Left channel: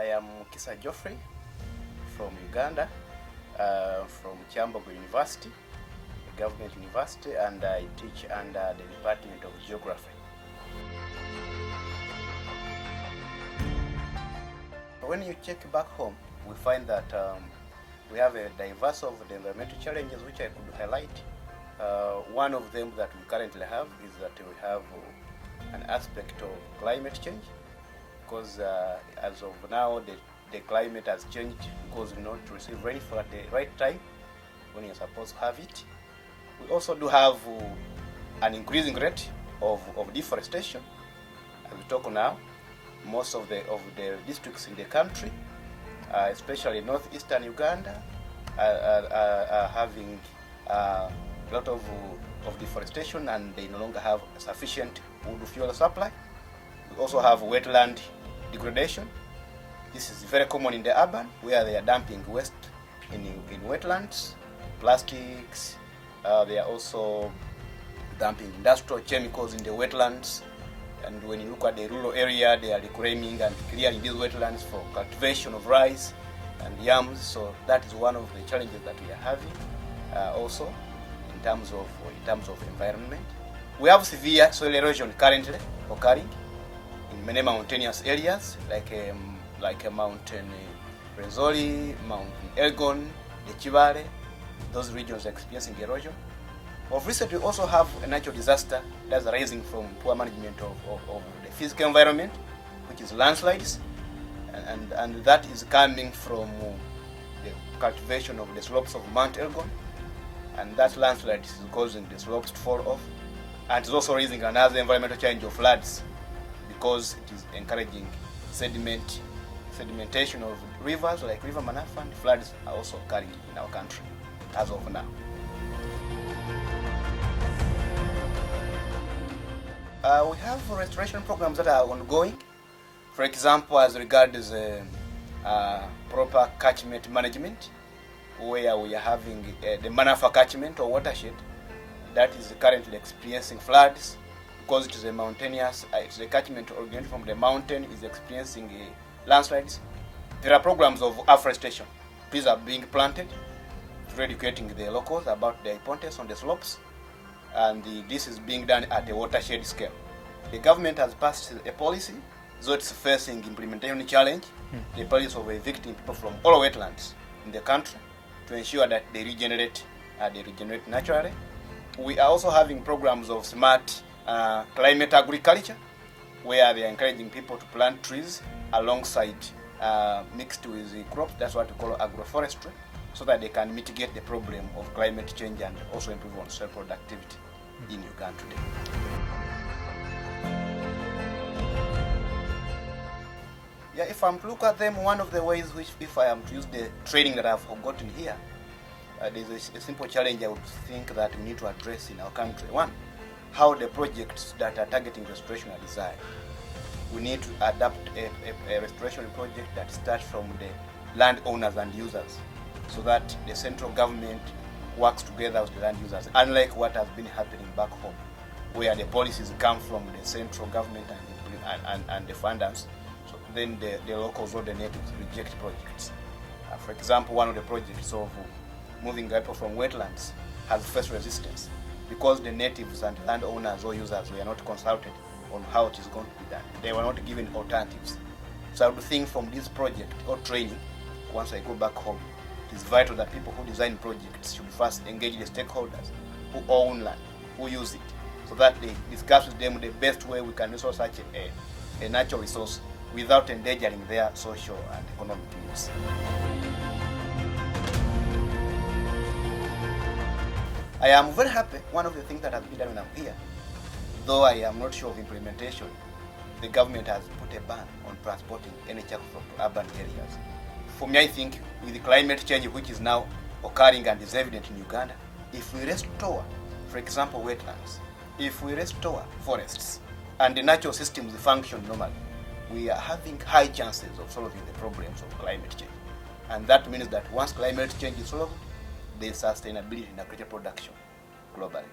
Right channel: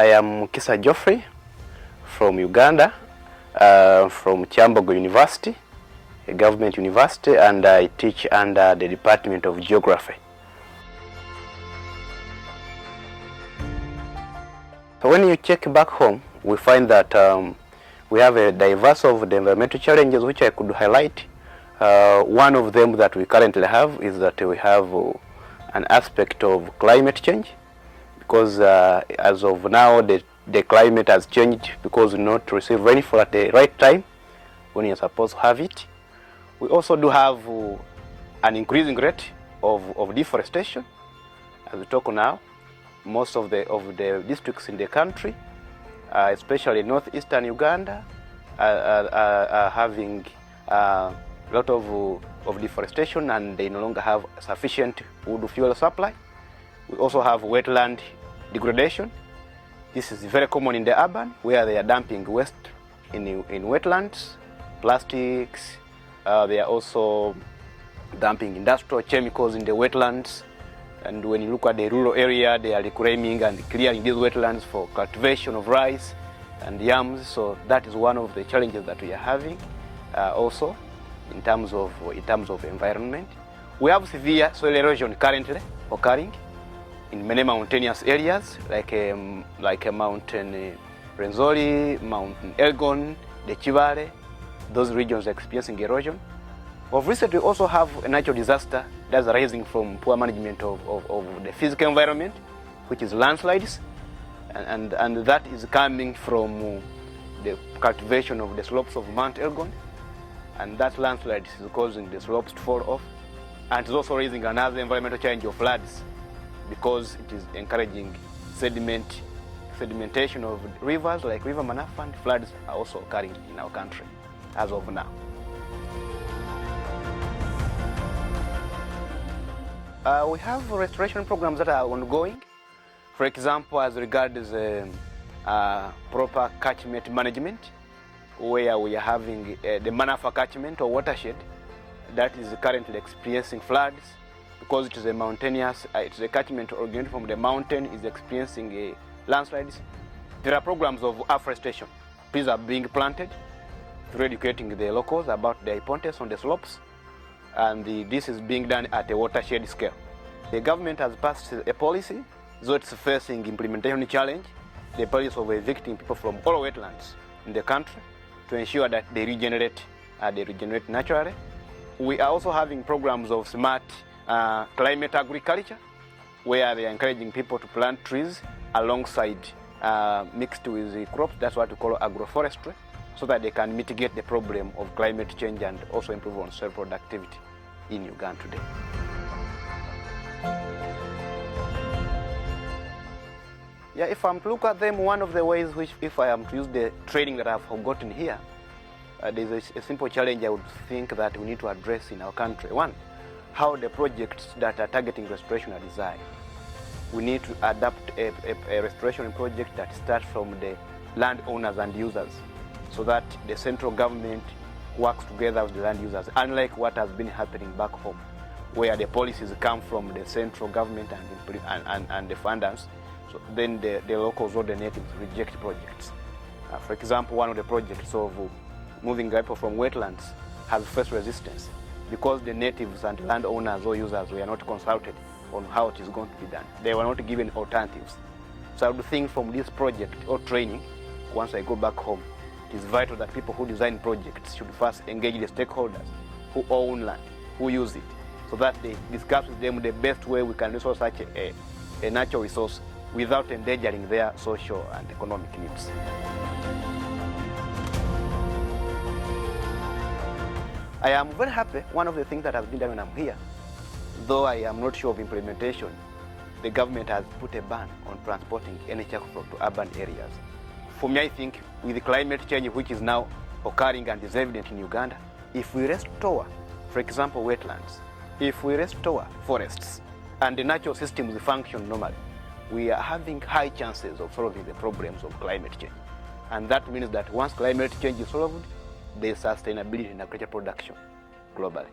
I am Mukisa Geoffrey from Uganda, from Kyambogo University, a government university, and I teach under the Department of Geography. So when you check back home, we find that we have a diverse of the environmental challenges which I could highlight. One of them that we currently have is that we have an aspect of climate change, because as of now the climate has changed because we not receive rainfall at the right time when you're supposed to have it. We also do have an increasing rate of deforestation. As we talk now, most of the districts in the country, especially northeastern Uganda, are having a lot of deforestation, and they no longer have sufficient wood fuel supply. We also have wetland degradation. This is very common in the urban, where they are dumping waste in wetlands, plastics. They are also dumping industrial chemicals in the wetlands. And when you look at the rural area, they are reclaiming and clearing these wetlands for cultivation of rice and yams. So that is one of the challenges that we are having also in terms of environment. We have severe soil erosion currently occurring in many mountainous areas, like Mountain Rwenzori, Mountain Elgon, the Kibale. Those regions are experiencing erosion. Of recent, we also have a natural disaster that's arising from poor management of the physical environment, which is landslides, and that is coming from the cultivation of the slopes of Mount Elgon, and that landslide is causing the slopes to fall off, and it's also raising another environmental challenge of floods, because it is encouraging sedimentation of rivers like River Manafa, and floods are also occurring in our country as of now. We have restoration programs that are ongoing. For example, as regards proper catchment management, where we are having the Manafa catchment or watershed that is currently experiencing floods, because it is a mountainous, it's a catchment originating from the mountain, is experiencing landslides. There are programs of afforestation. Trees are being planted through educating the locals about the importance on the slopes, and this is being done at a watershed scale. The government has passed a policy, so it's facing implementation challenge, the policy of evicting people from all wetlands in the country to ensure that they regenerate naturally. We are also having programs of smart climate agriculture, where they are encouraging people to plant trees alongside mixed with the crops. That's what we call agroforestry, so that they can mitigate the problem of climate change and also improve on soil productivity in Uganda today. Yeah, if I'm to look at them, one of the ways which, if I am to use the training that I've gotten here, there's a simple challenge I would think that we need to address in our country. One, how the projects that are targeting restoration are designed. We need to adapt a restoration project that starts from the landowners and users, so that the central government works together with the land users, unlike what has been happening back home, where the policies come from the central government and the funders. So then the locals or the natives reject projects. For example, one of the projects of moving people from wetlands has faced resistance because the natives and landowners or users were not consulted on how it is going to be done. They were not given alternatives. So I would think from this project or training, once I go back home, it's vital that people who design projects should first engage the stakeholders who own land, who use it, so that they discuss with them the best way we can resource such a natural resource without endangering their social and economic needs. I am very happy. One of the things that has been done when I'm here, though I am not sure of implementation, the government has put a ban on transporting any charcoal to urban areas. For me, I think with the climate change which is now occurring and is evident in Uganda, if we restore, for example, wetlands, if we restore forests and the natural systems function normally, we are having high chances of solving the problems of climate change. And that means that once climate change is solved, there is sustainability in agricultural production globally.